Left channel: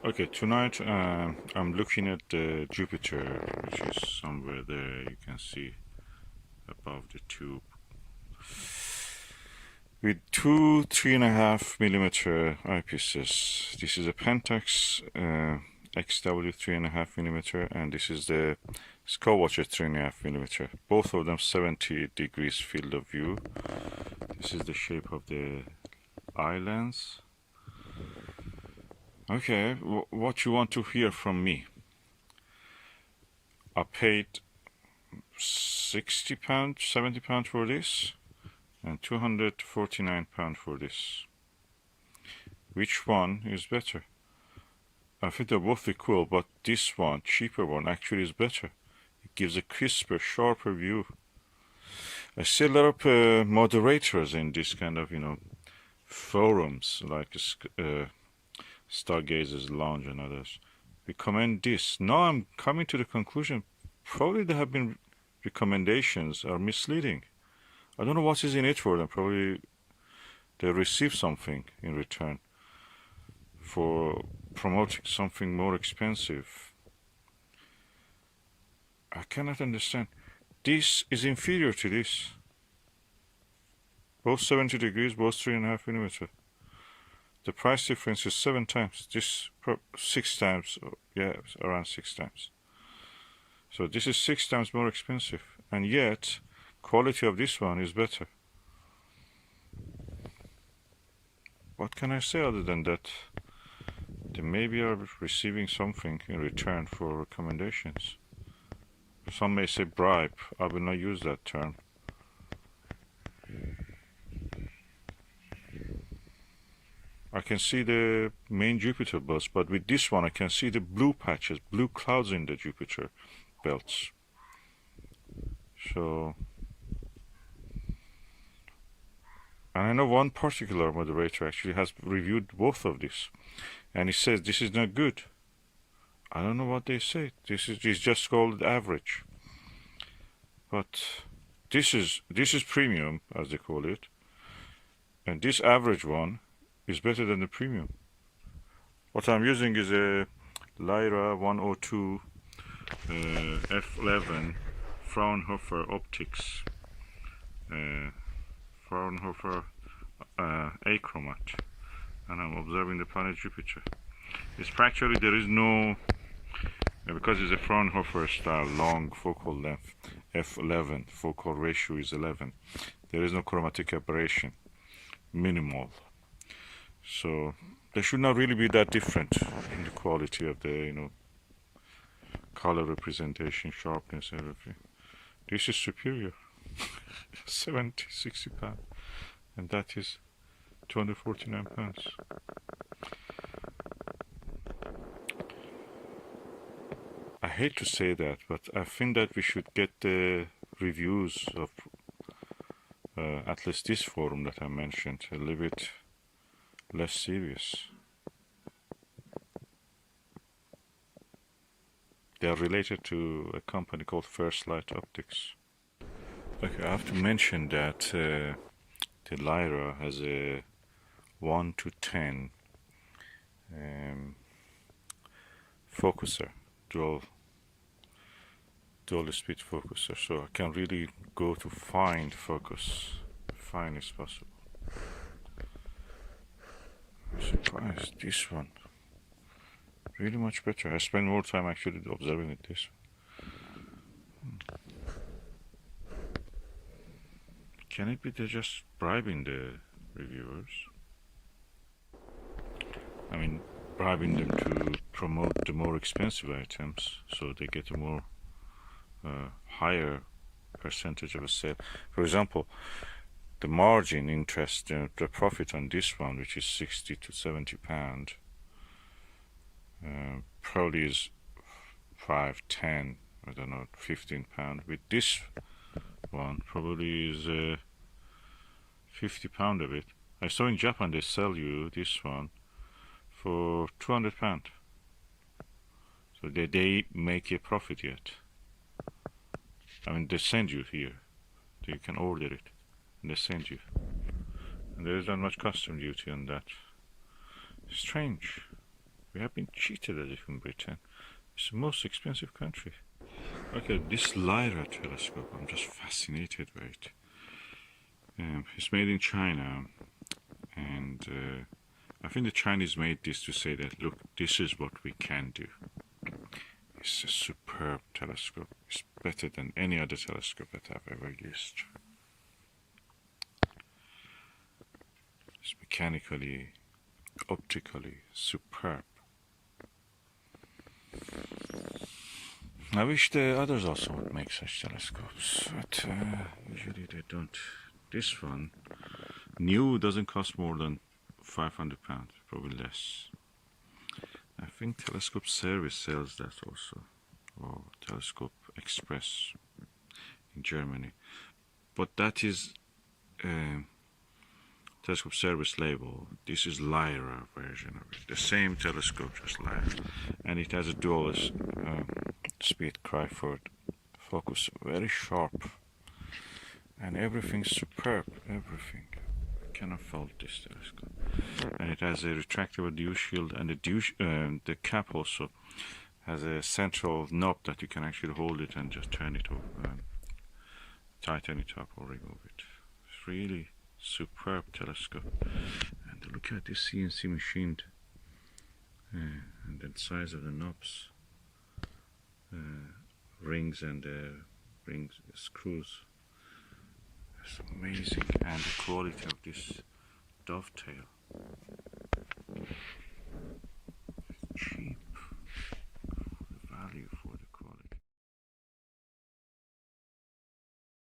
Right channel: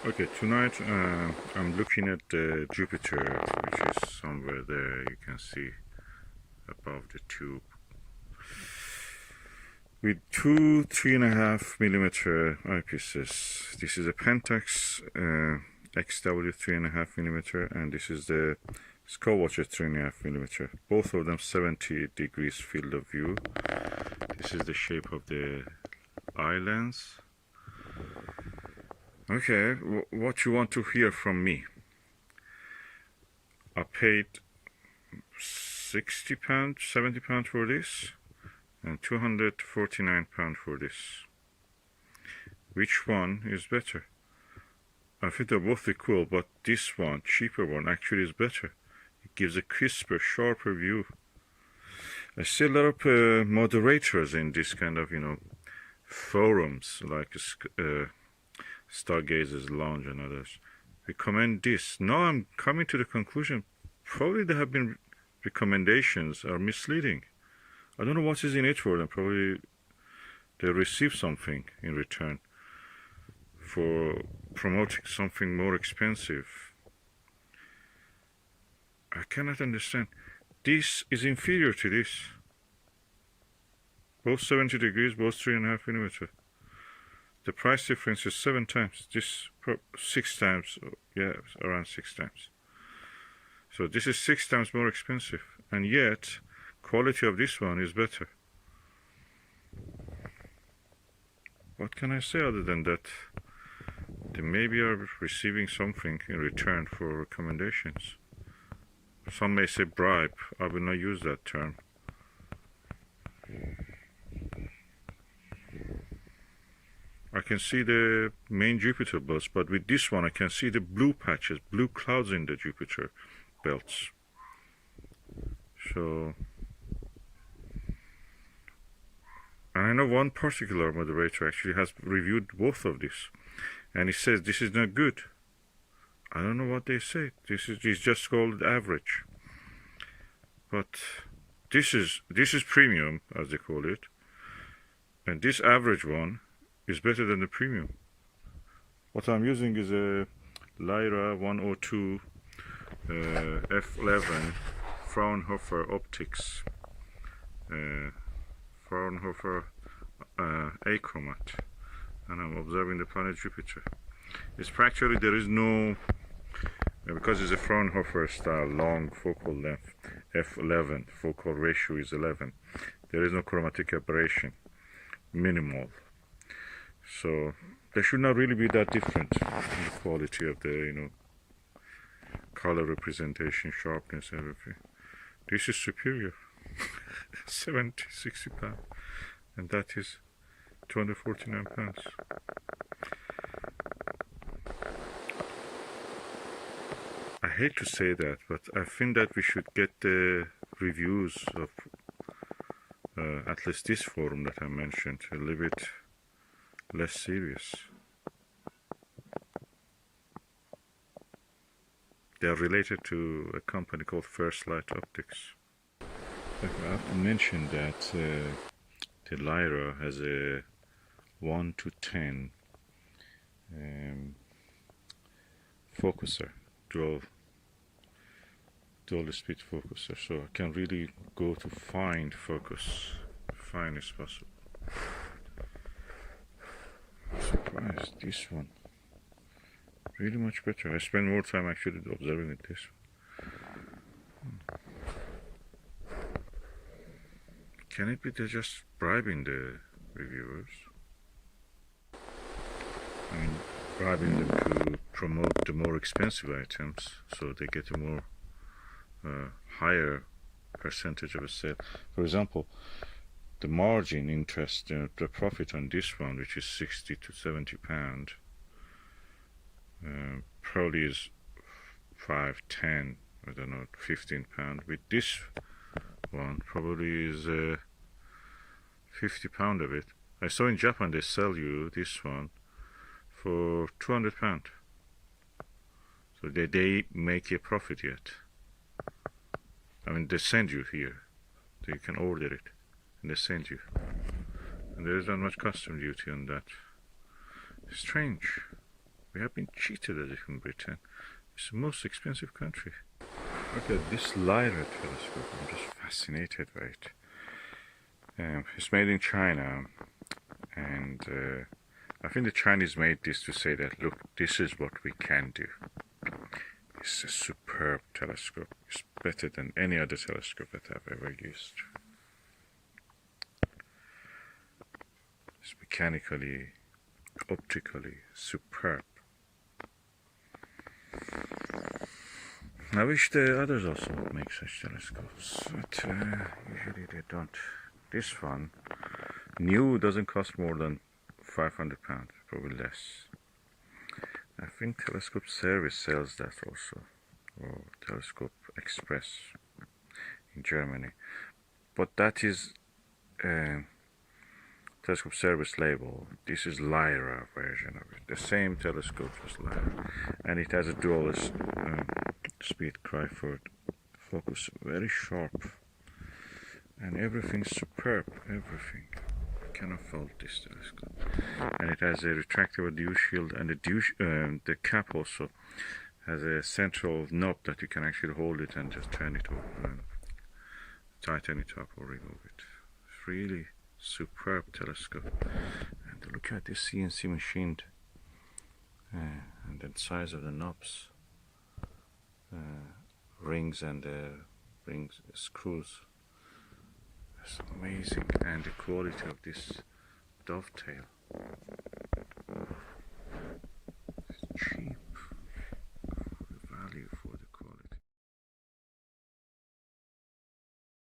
Okay, tonight I'm looking at the Jupiter, which is somewhere there. You can see above the tube, with two 3.5mm eyepieces. This is a Pentax XW 3.5mm, and this is the SkyWatcher 3.5mm. Both of them 70 degrees field of view. This is the shape of the eye lens. Okay, what you want to hear from me? I paid £60, £70 for this, and £249 for this. Which one is better? I think they're both equal, but this one, cheaper one, actually is better. It gives a crisper, sharper view. I see a lot of moderators in this kind of, forums, like Stargazers Lounge and others, recommend this. Now I'm coming to the conclusion, probably there have been recommendations are misleading. I don't know what is in it for them. Probably they receive something in return for promoting something more expensive. I cannot understand. This is inferior to this. Both 70 degrees, both 3.5mm. The price difference is 7 times. This 6 times, yeah, around 6 times. So this is 6 times more expensive, and yet quality of this one is better. What can I say other than that? They maybe are receiving something in return for recommendations. Some may say bribe. I will not use that term. I can see the main Jupiter belts, but with this one I can see the blue patches, blue clouds in the Jupiter belts. So, and I know one particular moderator actually has reviewed both of these, and he says this is not good. I don't know what they say. This is just called average. But this is premium, as they call it, and this average one is better than the premium. What I'm using is a Lyra 102 f11 Fraunhofer optics, Fraunhofer achromat, and I'm observing the planet Jupiter. It's practically, there is no, because it's a Fraunhofer style long focal length, f11, focal ratio is 11, there is no chromatic aberration, minimal. So there should not really be that different in the quality of the, color representation, sharpness, everything. This is superior. 70, 60 pounds, and that is 249 pounds. I hate to say that, but I think that we should get the reviews of at least this forum that I mentioned a little bit less serious. They are related to a company called First Light Optics. Okay, I have to mention that the Lyra has a 1 to 10 focuser, dual speed focuser, so I can really go to fine focus, fine as possible. I'm surprised, this one really much better. I spend more time actually observing with this. Can it be they're just bribing the reviewers? I mean, bribing them to promote the more expensive items, so they get a more higher percentage of a sale. For example, the margin interest, the profit on this one, which is 60 to 70 pound, probably is 5, 10, I don't know, 15 pound. With this one, probably is 50 pound of it. I saw in Japan they sell you this one for 200 pound. So they make a profit yet. I mean, they send you here, so you can order it, and they send you. And there is not much custom duty on that. Strange. We have been cheated as if in Britain. It's the most expensive country. Okay, this Lyra telescope, I'm just fascinated by it. It's made in China, and I think the Chinese made this to say that, look, this is what we can do. It's a superb telescope. It's better than any other telescope that I've ever used. It's mechanically, optically superb. I wish the others also would make such telescopes, but usually they don't. This one, new, doesn't cost more than £500, probably less. I think Telescope Service sells that also, or Telescope Express in Germany. But that is Telescope Service label. This is Lyra version of it. The same telescope, just Lyra, and it has a dual speed cry-forward focus, very sharp, and everything's superb. Everything. Cannot fault this telescope. And it has a retractable dew shield, and the cap also has a central knob that you can actually hold it and just turn it over, tighten it up or remove it. It's really superb telescope. And look at this CNC machined, and the size of the knobs, rings and screws. It's amazing, and the quality of this dovetail. It's cheap.